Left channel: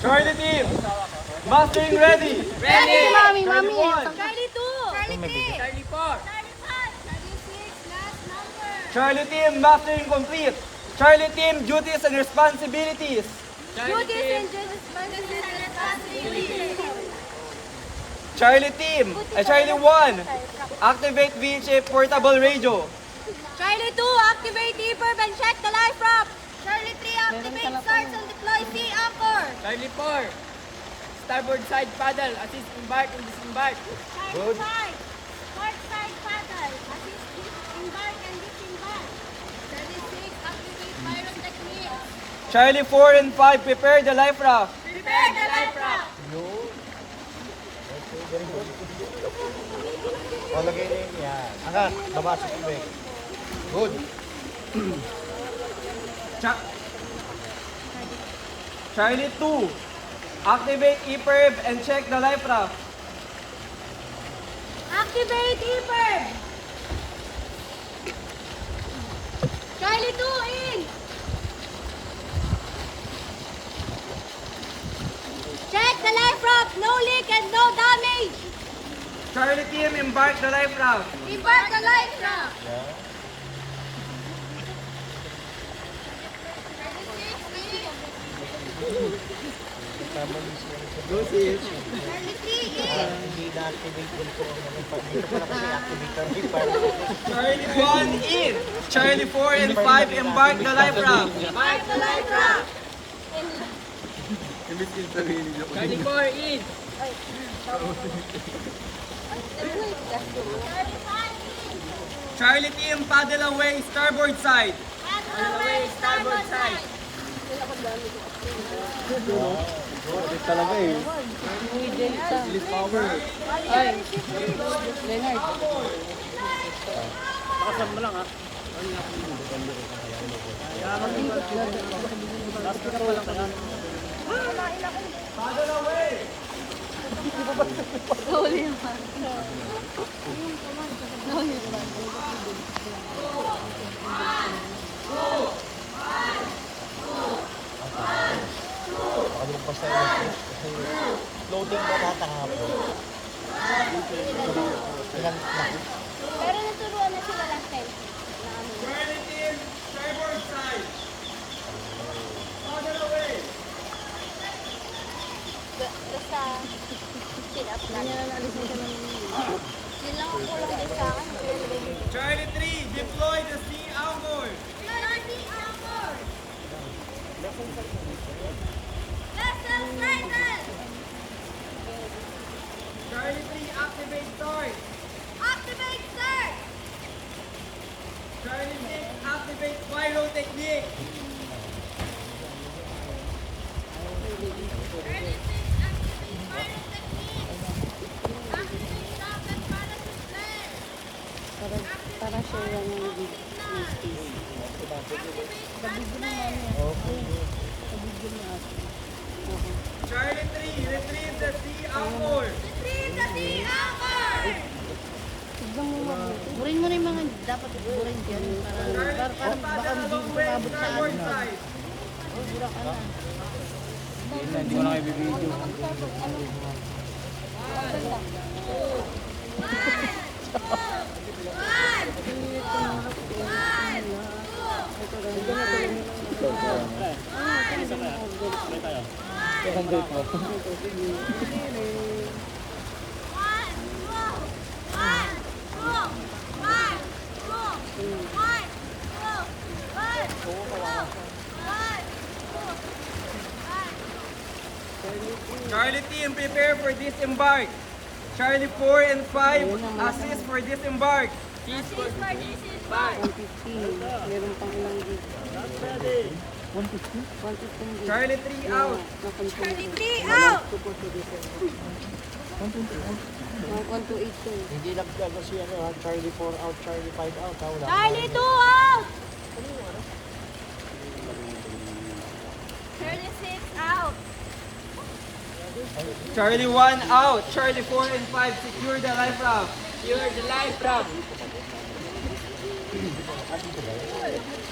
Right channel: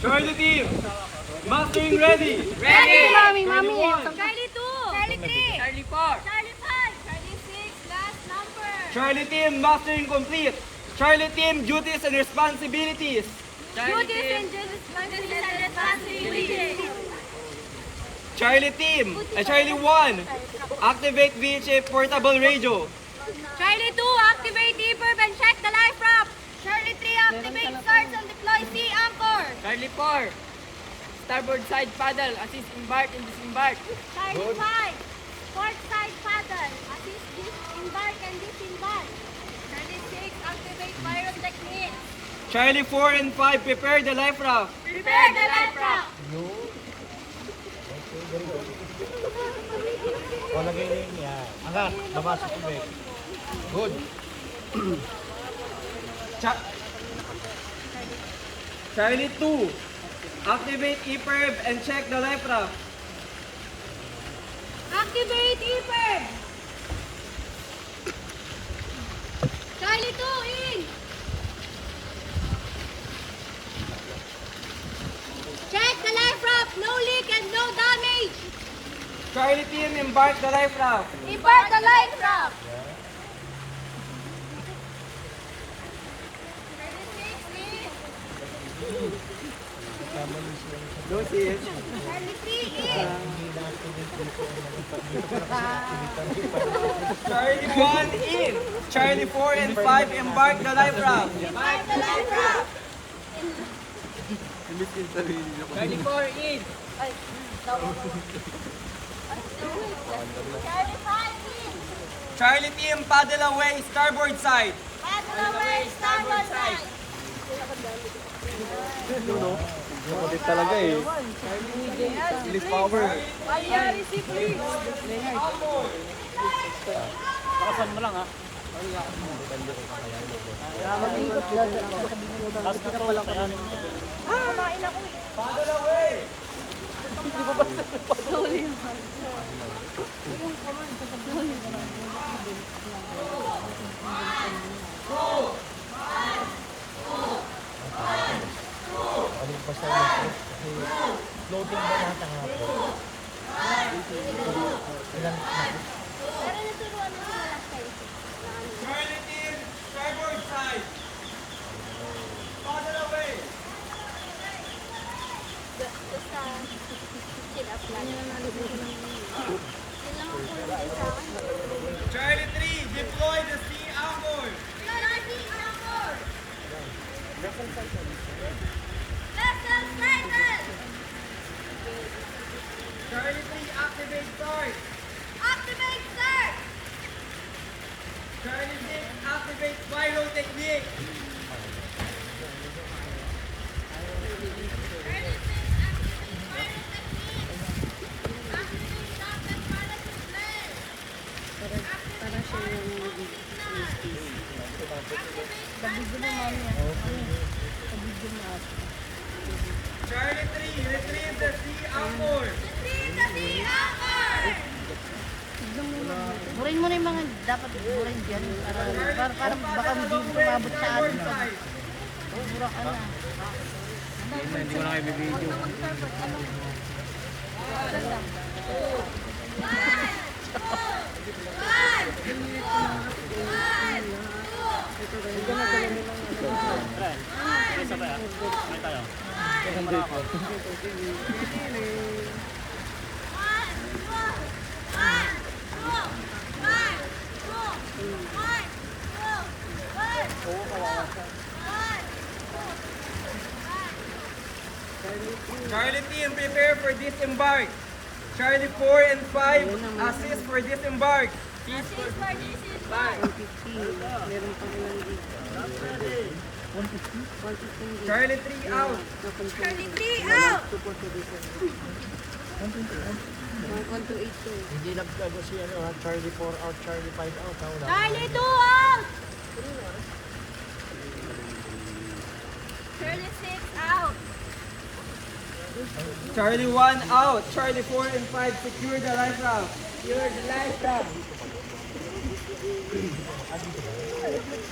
Charlie team, mastering ready. Mami. Charlie 2. Charlie 3. Charlie 4. Charlie 5. Charlie 6. Last number. Charlie team, mastering complete. Charlie team, duties and responsibilities. Charlie Duties team. and responsibilities. Charlie team, Charlie 1, activate VHF portable radio. Charlie 2. Activate E-Verb and check the life prop. Charlie 3. Activate starts and deploy sea anchor. Charlie 4. Starboard side paddle. Assist embark and disembark. Charlie 5. Port side paddle. Assist disembark and disembark. Charlie 6. Activate pyro technique. Charlie 4 and 5, prepare the life raft. Prepare the life raft. Palagay rin yan. Hanggang, labas sa tubig. Good. Charlie 2, activate EPIRB and check the life raft. Activate E-Verb. Charlie 2 in. Check the life raft. No leak and no damage. Charlie team, embark the life raft. Embark the life raft. Go sis. Charlie 3 in. Charlie 1 in. Charlie 4 and 5, embark the life raft. Embark the life raft. Charlie 4 in. Charlie 5 in. Charlie team, paddle away, starboard side. Paddle away, starboard side. Talaga eh. Paddle away. Loading ba natin nga po? Pero naturuan na sila last time. Charlie team, starboard side. Paddle away. Basta, sit up na. Yun lang ang tulong din sa akin. Charlie 3, deploy the sea anchor. Charlie anchor. Vessel sighted. Charlie 3, activate start. Activate search. Charlie 6, activate pyro technique. Charlie 6, activate pyro technique. Activate rocket parachute flare. Para siya yung Charlie 3, retrieve the sea anchor. Retrieve the sea anchor. Burin mo na yung mga dapat burin dyan para baka hindi umabot sa Starboard atin. side. Bura ka na. Hindi ko na kayo bibidyo. Charlie team, prepare for disembark. Charlie 4 and 5, assist for disembark. Assist for disembark. Charlie 3 out. Charlie 3 out. Hindi nagdago si Charlie 4 out, Charlie 5 out. Wala. Charlie 2 out. Charlie 6 out. Charlie 1 out. Charlie 4 and 5, secure the life raft. Secure the life raft.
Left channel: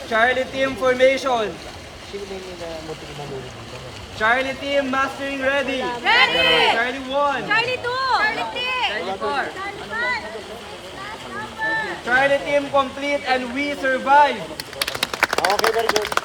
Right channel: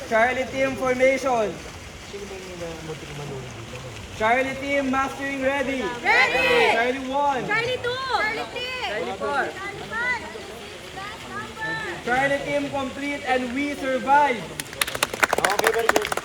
Charlie team formation. Sino ba yung muntik na muli? Charlie team, mastering ready. Ready! Charlie 1. Charlie 2! Charlie 3! Charlie 4. Charlie 5! Charlie 6, last number! Charlie team complete and we survive. Okay, very good.